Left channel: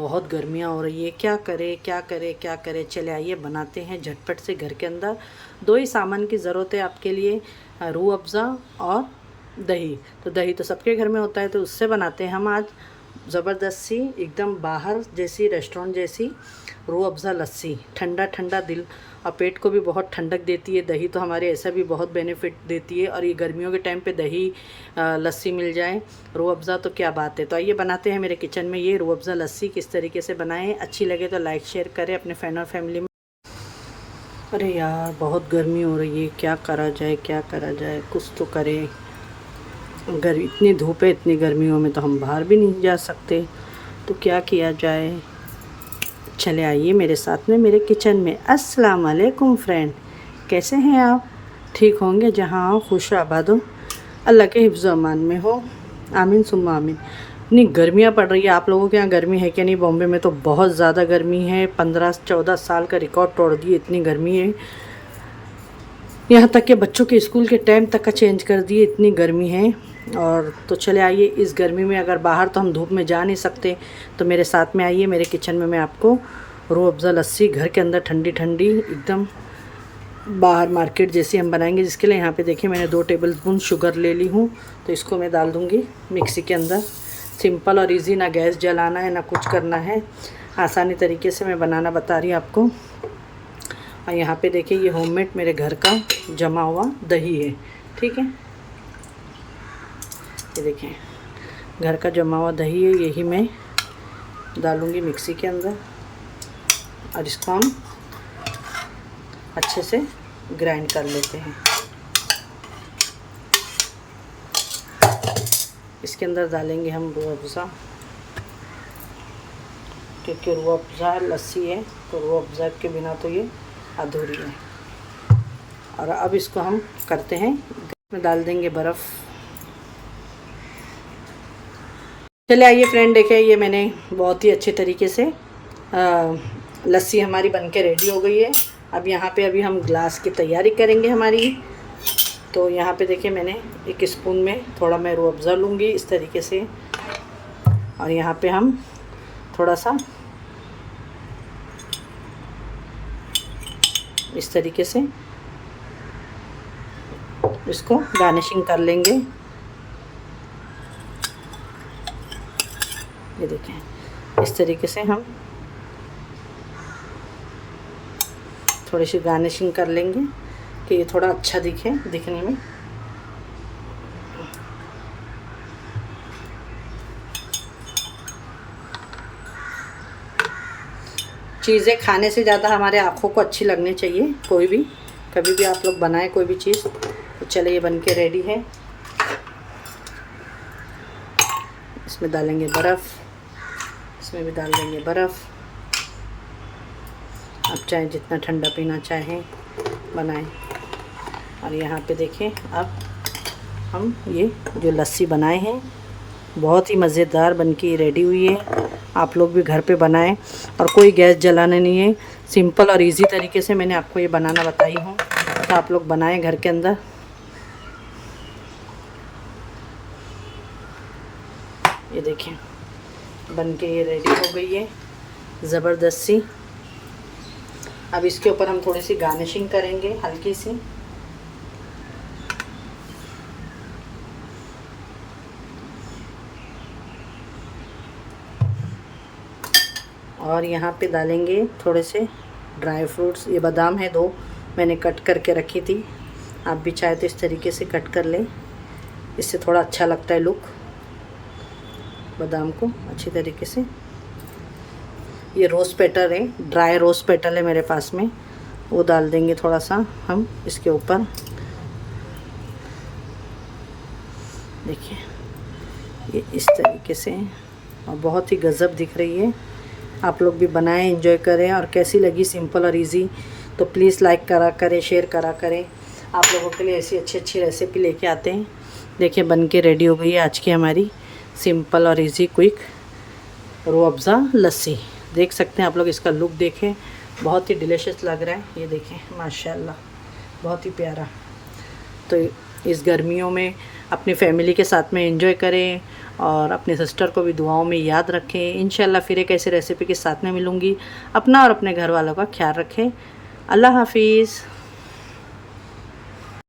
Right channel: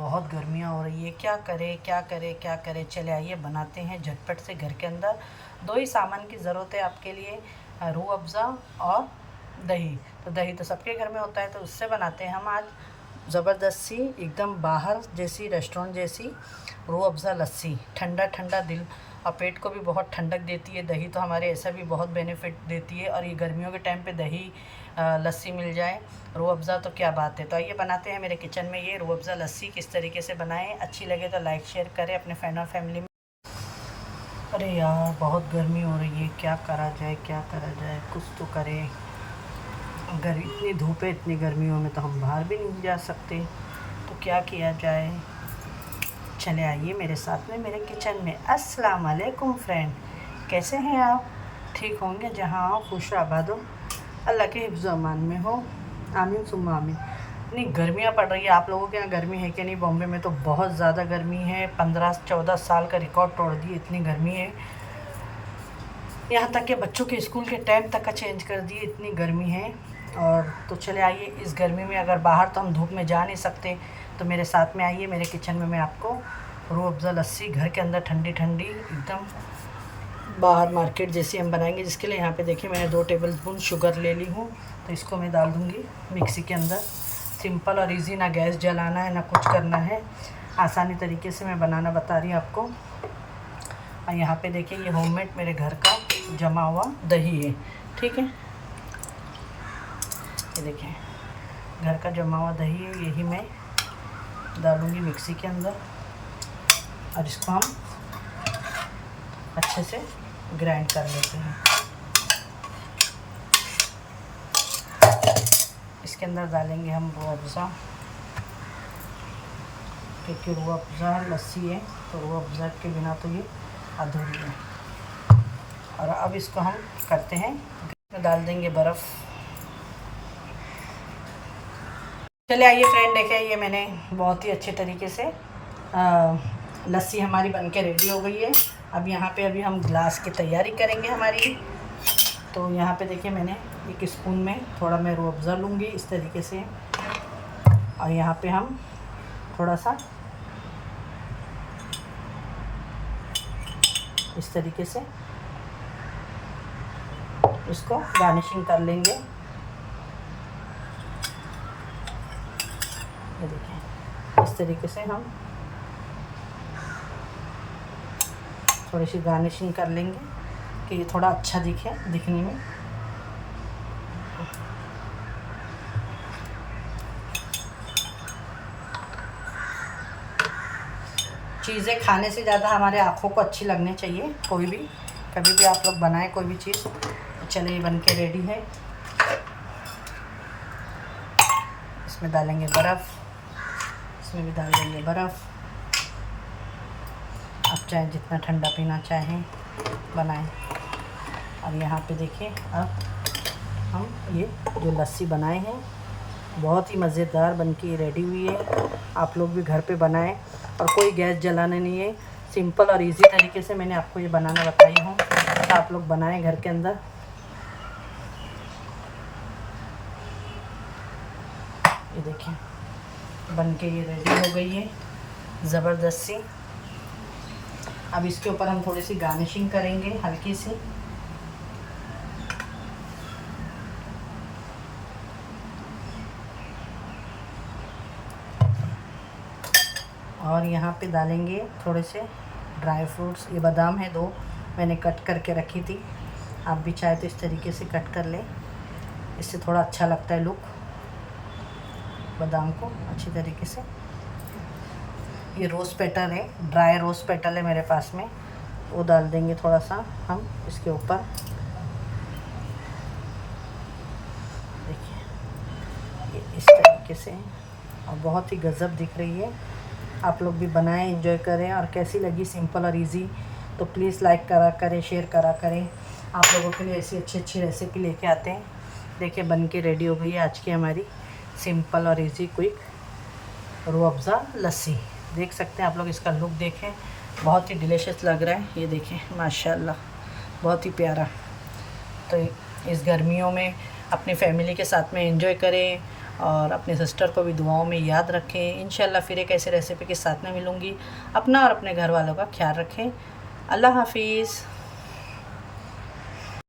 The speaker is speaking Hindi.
बहुत गर्मियाँ हो रही है, क्या करें क्या करें क्या करें। चले आइए बनाते हैं झटपट से घर के अंदर। दो ही सामान की ज़रूरत है आपके लिए, रूह अफ़ज़ा और दही। तो दही तो सबके घर में होता है, तो उससे बनाते हैं हम आज ज़बरदस्त सी, एकदम बाहर जैसी, रेस्टोरेंट जैसी रूह अफ़ज़ा लस्सी। ठंडा ठंडा दिल और पेट को भी बहुत ठंडक देती है। दही तो हमारे ऐसा भी बहुत बेनिफिट देती है, और ये गर्मियों के टाइम पे दही लस्सी मिल जाए, रूह अफ़ज़ा, तो क्या बात है। तो आइए बनाते हैं मेरे किचन में ये रूह अफ़ज़ा लस्सी। किस तरीके से बनाएं, अच्छी लगे तो लाइक शेयर करें अपने फ्रेंड और फैमिली में। अरे यार बहुत गर्मी हो रही है, क्या करा जाए क्या करा जाए, कुछ तो करें। इतनी धूप है, इतनी गर्मियों में तो हम बाहर भी नहीं जा सकते, तो क्या किया जाए। चले आइए मेरे साथ में मेरे किचन में। अस्सलाम वालेकुम फ्रेंड, कैसे हैं आप? ठीक होंगे, जहाँ हो खुश आबाद हो, अल्लाह के हिफ्ज़ अमान में हो, आमीन सुम्मा आमीन। इतनी गर्मियाँ पड़ रही है, आप लोगों के यहाँ गर्मी है कि नहीं? बॉम्बे में तो बहुत ज़्यादा गर्मी है, 15-14 साल का रिकॉर्ड तोड़ दिए, इतनी गर्मी है। यहाँ तक कि बच्चों के स्कूल के टाइम तक का चेंज कर दिए, इतनी गर्मी है। और तो चले आइए, इस गर्मी में अगर बाहर तो हम धूप में जा नहीं सकते, तो मेरे साथ में आइए मेरे किचन में। मैं आपको रूह अफ़ज़ा लस्सी घर के अंदर ठंडी ठंडी एकदम बाहर मार्केट जैसी हम बनाएंगे। जिसके लिए यहाँ पे देखिए मैंने 2 टेबल स्पून शुगर ले ली हूँ, तो इसको मैं डाल दूँगी मिक्सी के अंदर। सिंपल और इजी, ना गैस जलाना है ना कुछ करना है, आसानी तरीके से मैं बनाना बता रही हूँ आपको। और यहाँ पे देखिए ये होममेड मेरे घर का जमा हुआ दही है, ठीक है। ये देखिए घर का जमा हुआ दही है, यही मैं डालूँगी मिक्सी के अंदर, और इसको हम अच्छे से ग्राइंड कर लेते हैं। इसके अंदर डालेंगे हम रूह अफ़ज़ा, क्योंकि रूह अफ़ज़ा लस्सी है, तो रूह अफ़ज़ा के बिना तो ये अधूरी है। और अब इसको हम करते हैं, इसमें डाल देंगे बर्फ़। चले आइए फ्रेंड, देखें ये मैंने बहुत ही अच्छे तरीके से लस्सी हमारी बनके रेडी हो गई है। अब यहाँ पे अभी हम ग्लास की तैयारी करेंगे हमारी। तो यहाँ पे देखिए मैंने 1 स्पून में थोड़ा मैं रूह अफ़ज़ा लूँगी इस तरीके से, और यहाँ पे हम थोड़ा सा इस तरीके से इसको गार्निशिंग कर लेंगे। ये देखें इस तरीके से हम थोड़ी सी गार्निशिंग कर लेंगे कि ये थोड़ा अच्छा दिखे दिखने में। चीज़ें खाने से ज़्यादा हमारे आँखों को अच्छी लगनी चाहिए, कोई भी कभी भी आप लोग बनाएं कोई भी चीज़। तो चले ये बन के रेडी है। इसमें डालेंगे बर्फ़, इसमें भी डाल देंगे बर्फ़। आप चाहे जितना ठंडा पीना चाहें बनाएं। और यहाँ पे देखें अब हम ये जो लस्सी बनाए हैं बहुत ही मज़ेदार बनके रेडी हुई है। आप लोग भी घर पे बनाएं, और कोई गैस जलाना नहीं है, सिंपल और इजी तरीके से मैंने आपको ये बनाना बताई हूँ, तो आप लोग बनाएं घर के अंदर। ये देखें बनके ये रेडी हो गई है ज़बरदस्त सी। अब इसके ऊपर हम थोड़ी सी गार्निशिंग करेंगे हल्की सी। और यहाँ पे डालेंगे थोड़े से ड्राई फ्रूट्स। ये बादाम है 2 मैंने कट करके रखी थी, आप भी चाहे तो इस तरीके से कट कर लें, इससे थोड़ा अच्छा लगता है लुक बादाम को अच्छी तरीके से। ये रोज़ पेटल है, ड्राई रोज़ पेटल है मेरे पास में, वो डाल देंगे थोड़ा सा हम इसके ऊपर। देखिए ये इस तरीके से, और बहुत ही गज़ब दिख रही है। आप लोग भी बनाएं, एंजॉय करें। और कैसी लगी सिंपल और इजी, तो प्लीज़ लाइक करा करें, शेयर करा करें। आप लोगों के लिए ऐसी अच्छी अच्छी रेसिपी लेके आते हैं। देखिए बन के रेडी हो गई है आज की हमारी सिंपल और इजी क्विक रूह अफ़ज़ा लस्सी। देख सकते हैं आप लोग, इसका लुक देखें, बहुत ही डिलीशियस लग रहा है। ये देखें माशाल्लाह बहुत ही प्यारा। तो इस गर्मियों में अपनी फैमिली के साथ में एंजॉय करें, और अपने सिस्टर को भी दुआओं में याद रखें। इंशाल्लाह फिर एक ऐसी रेसिपी के साथ में मिलूँगी। अपना और अपने घर वालों का ख्याल रखें। अल्लाह हाफिज़।